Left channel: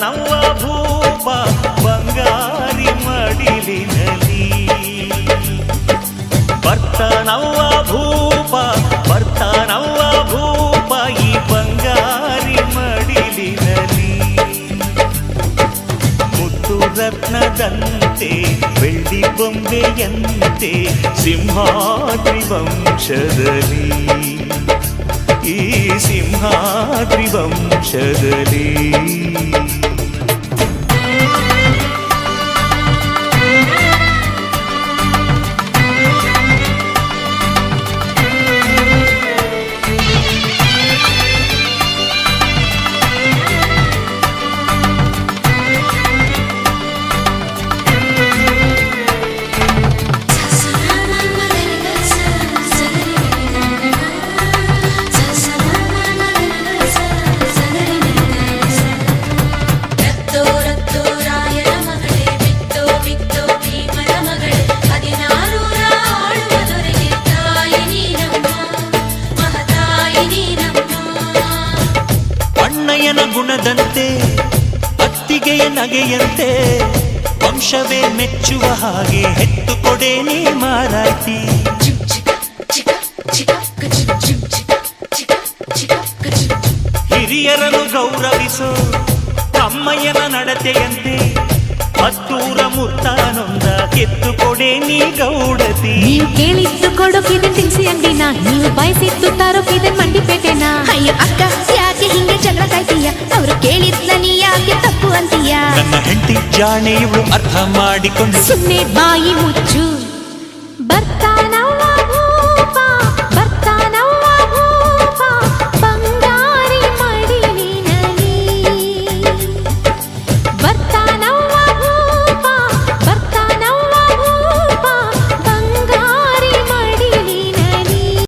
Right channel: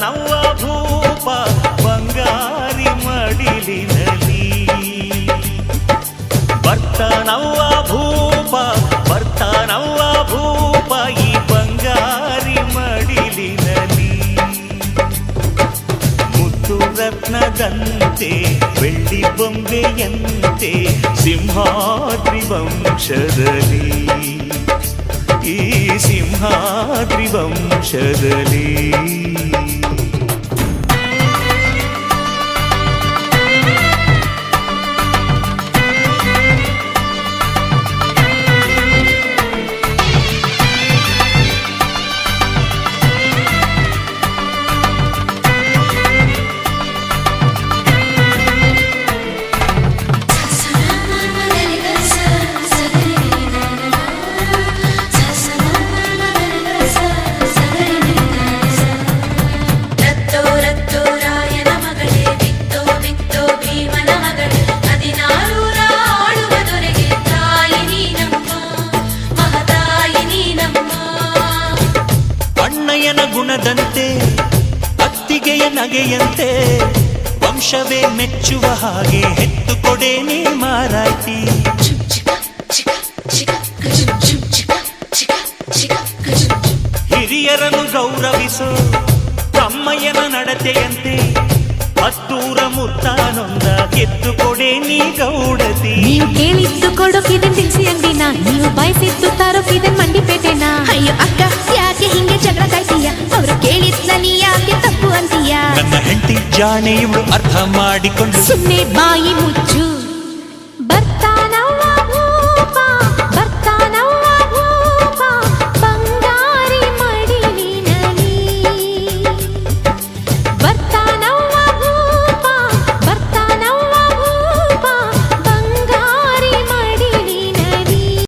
ನವ್ವ ಭೂಪ ಬಂಗಾರಿ ಮಡಿಲಿನಲಿ ಬರ್ತಾನವ್ವ ಭೂಪ ಬರ್ತಾನವ್ವ ಭೂಪ ಈ ಬಂಗಾರಿ ಮಡಿಲಿನಲಿ ಮುತ್ತು ರತ್ನದಂತೆ ಬೆಳ್ಳಿ ಬೊಂಬೆಯಂತೆ ಸಿಂಹಾದ್ರಿ ವಂಶದಲ್ಲಿ ಈ ಸಿಂಹಾದ್ರಿ ವಂಶದಲ್ಲಿ ಅಣ್ಣಯ್ಯನ ಗುಣದಂತೆ ಅತ್ತಿಗೆಯ ನಗೆಯಂತೆ ವಂಶವೇ ಮೆಚ್ಚುವ ಹಾಗೆ ಹೆತ್ತು ಕೊಡೆ ನೀ ಮಾರಾಯ್ತಿ ಹಿರಿಯರನ್ನು ಗೌರವಿಸೋ ತಮ್ಮಯ್ಯನ ನಡತೆಯಂತೆ ಹತ್ತೂರ ಮುತ್ತಾನೊಂದ ಕೆತ್ತು ಕೊಡೆ ನೀ ಗೌಡತಿ ನೀವು ಕೇಳಿದ್ದು ಕೊಡೋಕಿದೆ ತಿನ್ಸಿ ಅಂಗಡಿನ ನೀವು ಬಯಸಿದ್ದು ತಾರೋಕಿದೆ ಮಂಡಿಪೇಟೆನ ಅಯ್ಯೋ ಅಕ್ಕ ಯಾಕೆ ಹಿಂಗೆ ಜಗಳ ಕಾಯ್ತೀಯ ಅವರು ಕೇಳಿದ್ನ ನೀ ಯಾಕೆ ತಪ್ಪು ಅಂತೀಯ ನನ್ನ ಹೆಂಡತಿ ಜಾಣೆ ಇವಳು ಅರ್ಥ ಮಾಡಿಕೊಂಡು ಸುಮ್ಮನೆ ಬಾಯಿ ಮುಚ್ಚ